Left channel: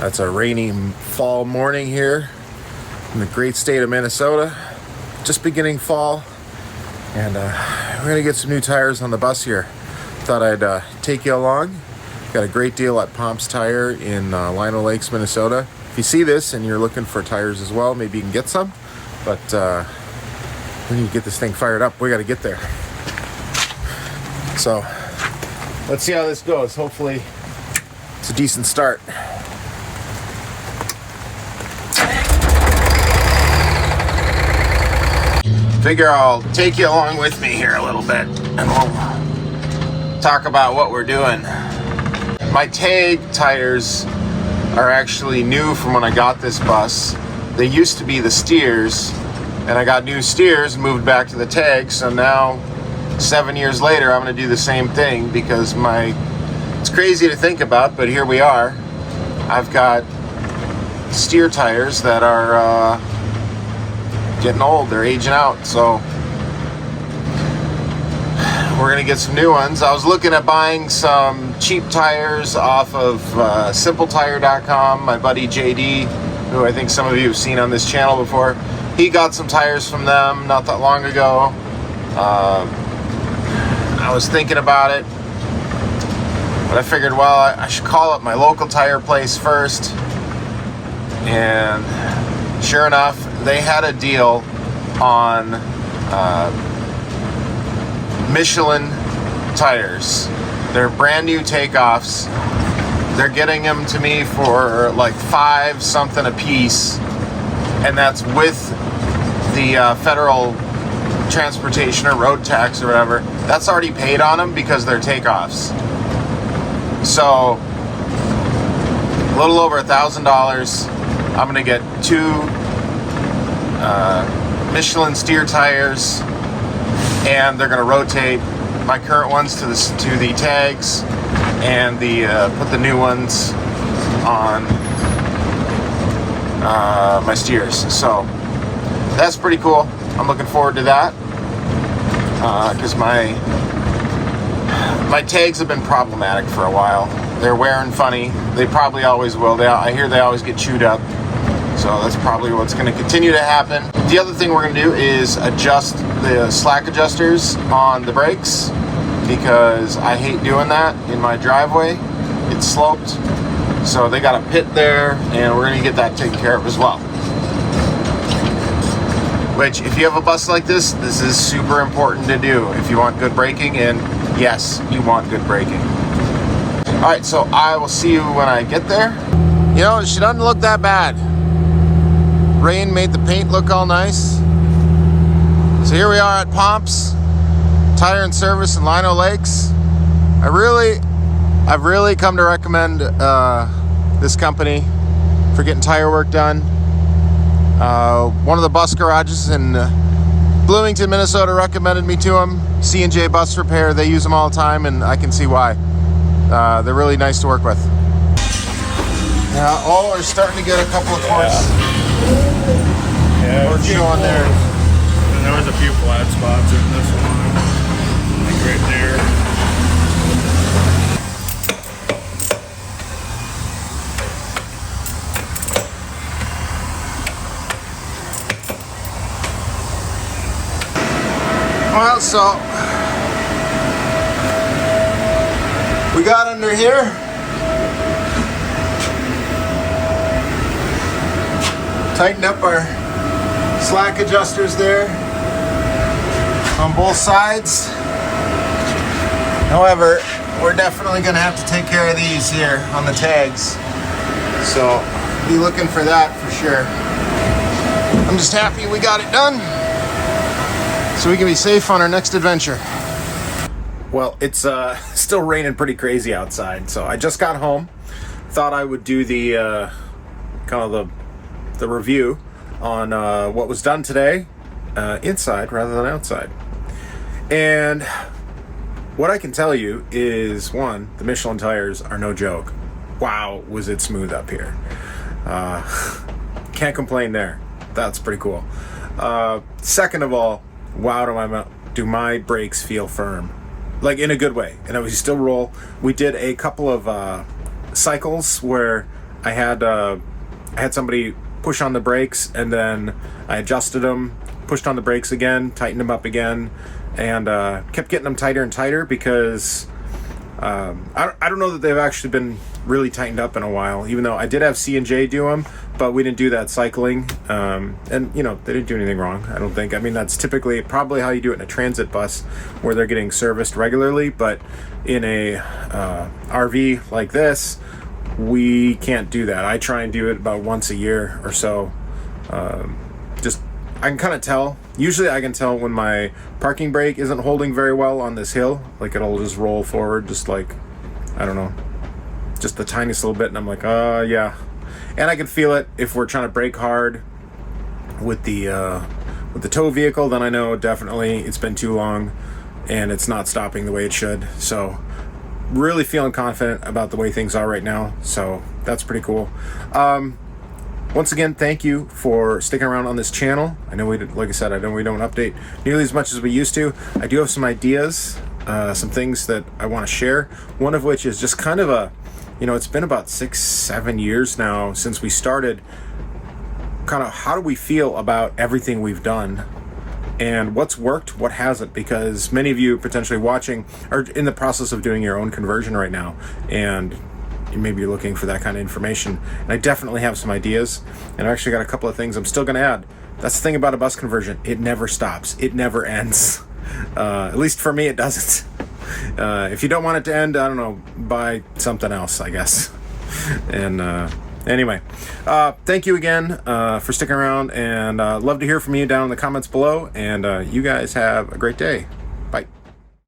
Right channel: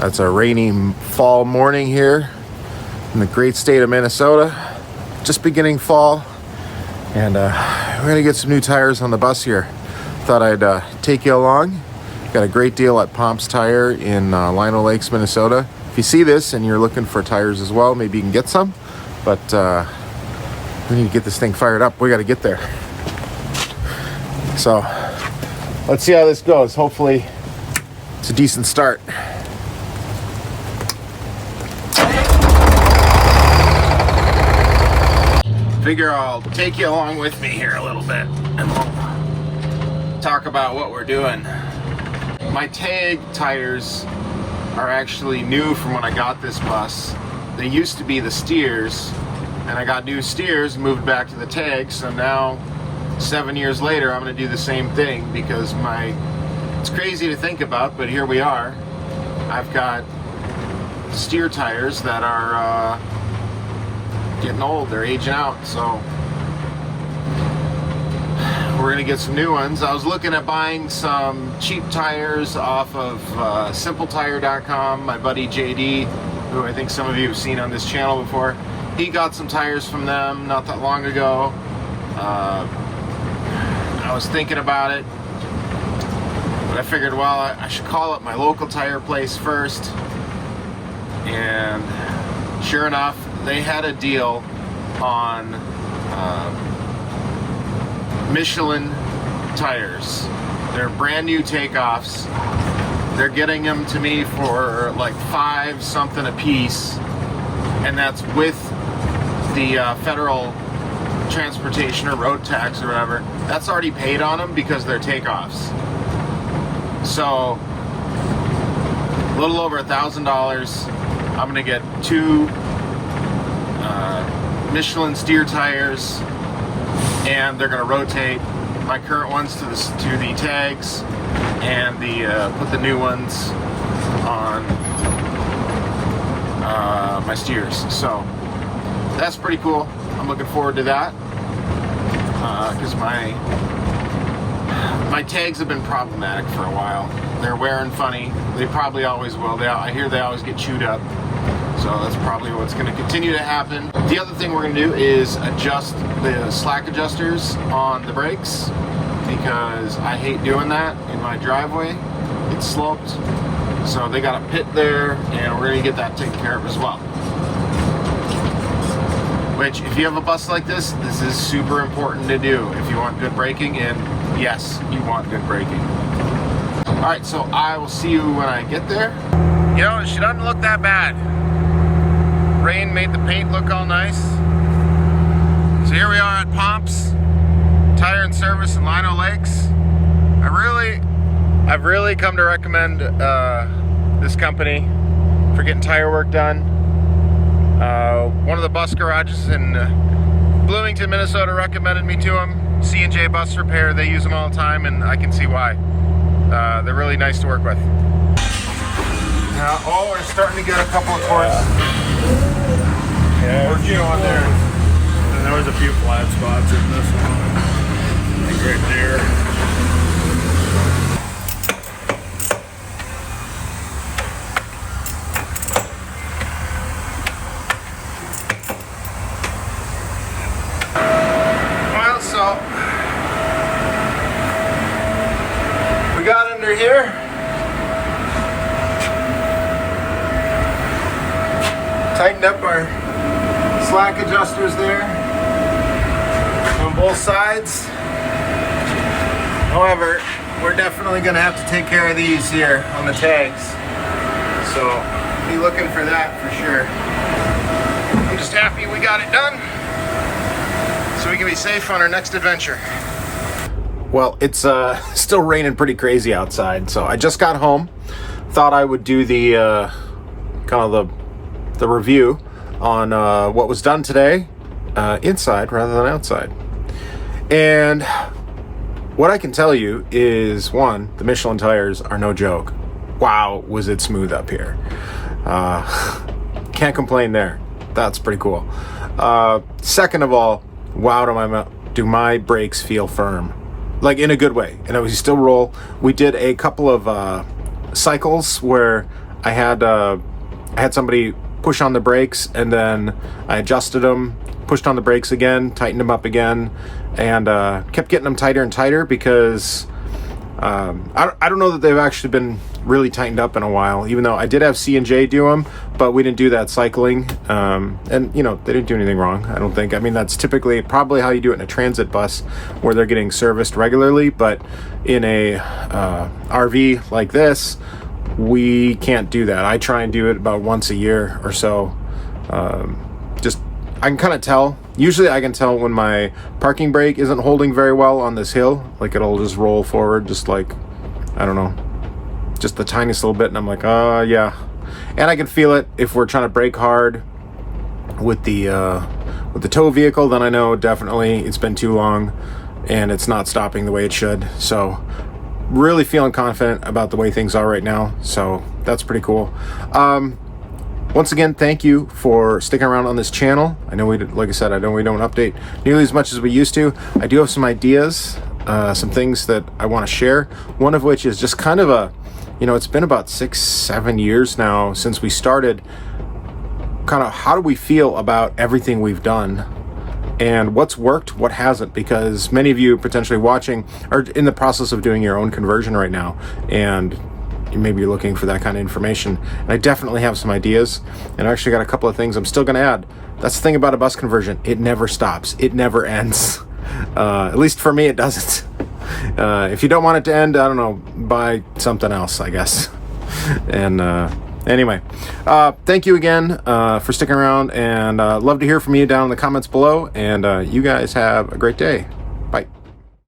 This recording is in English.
It's a rainy fall morning here in the great state of Minnesota. Just beginning fall, and we're gonna get some new tires on the bus here. Thought I'd take you along. Got a great deal at Pomp's Tire in Lino Lakes, Minnesota. If you see this and you're looking for tires as well, maybe you can get some. But we need to get this thing fired up. We got to get there. So let's see how this goes. Hopefully it's a decent start. Figure I'll take you along with me here a little bit and we'll talk about what we're doing. My tag tires are actually new from when I got this bus. They used to be the steers, and I got new steers and moved back to the tag. So now 7 years later I'm going to do the same thing because it's crazy to think about, but here we are. I've got steer tires that are getting old, they're aging out, so we're gonna get some new ones. I was looking at buying some cheap tires off of simpletire.com. My buddy JD, who I think some of you have seen on this channel before, he got some tires from them not that long ago. I was thinking about it, but I figured, well, I should call up my local tire place first, and sure enough, they had a deal on Michelin tires. They're brand new takeoffs. They're getting them to me for like $5 something a piece, and that's with the federal transportation or road tax or whatever. That's already paid on them because they're takeoffs. So a little over $1,000. I'm gonna get two Michelin steer tires, and they're going to rotate my current ones to the tags, and put the new ones on my steers. So that's pretty cool. I'm looking forward to that because my tags have been problematic for a while. They're wearing funny. They probably always will. I hear they always get chewed up. So that's probably what's going to continue to happen. The other thing we're going to do is adjust the slack adjusters on the brakes, because I hate doing that in my driveway. It's sloped, so they got a pit there, and we're going to get that taken care of as well. Which, if you have a bus like this is super important to do if you want good braking, and yes, you want good braking. Alright, so I will see you when I get there. You know, she doesn't look that bad. Rain made the paint look all nice. So here we are at Pomp's Tire and Service in Lino Lakes. I've really come to recommend this company for getting tire work done. One of the bus garages in Bloomington, Minnesota recommended me to them. C&J Bus Repair, they use them all the time, and I can see why. They're really nice to work with. We're starting to get a couple of cords. Yeah, we're showing there. And there was a few flat spots in this one, like right there. Well, so we got under here. Tightened up our slack adjusters there on both sides. However, we're definitely going to have to take care of these here on the tags. So be looking for that for sure. I'm just happy we got it done so we can be safe on our next adventure. Well, it's still raining pretty crazy outside, so I just got home. Thought I would do the kind of the review on what was done today inside rather than outside. And what I can tell you is, one, the Michelin tires are no joke. Wow, was it smooth up here. Can't complain there. That's pretty cool. Second of all, wow, do my brakes feel firm. Like, in a good way. And we still roll. We did a couple of cycles where I had somebody push on the brakes, and then I adjusted them, pushed on the brakes again, tightened them up again, and kept getting them tighter and tighter because I don't know that they've actually been really tightened up in a while, even though I did have C&J do them, but we didn't do that cycling. And you know, they didn't do anything wrong, I don't think. I mean, that's typically probably how you do it in a transit bus where they're getting serviced regularly, but in a RV like this, we can't do that. I try and do it about once a year or so. Just, I can kind of tell. Usually I can tell when my parking brake isn't holding very well on this hill. Like, it'll just roll forward, just like, I don't know, just the tiniest little bit, and I'm like, yeah. And I can feel it if we're trying to brake hard with the tow vehicle, then I know definitely it's been too long and it's not stopping the way it should. So really feeling confident about the way things are right now. So that's pretty cool. Once again, thank you for sticking around on this channel. I know like I said, I know we don't update nearly as much as we used to. I do have some ideas, some things that I want to share. One of which is just kind of a, you know, it's been about 6-7 years now since we started. Kind of, how do we feel about everything we've done? And what's worked, what hasn't? Because many of you potentially watching are in the process of doing your own conversion right now, and maybe you're looking for that kind of information. And I definitely have some ideas, and I actually got a couple of things I'm still going to add. That's the thing about a bus conversion. It never stops. It never ends. At least for me, it doesn't. If you don't want it to end, I don't know, buy something else, I guess. And anyway, thank you again for sticking around, and love to hear from you down in the comments below. And you guys have a great day. Bye.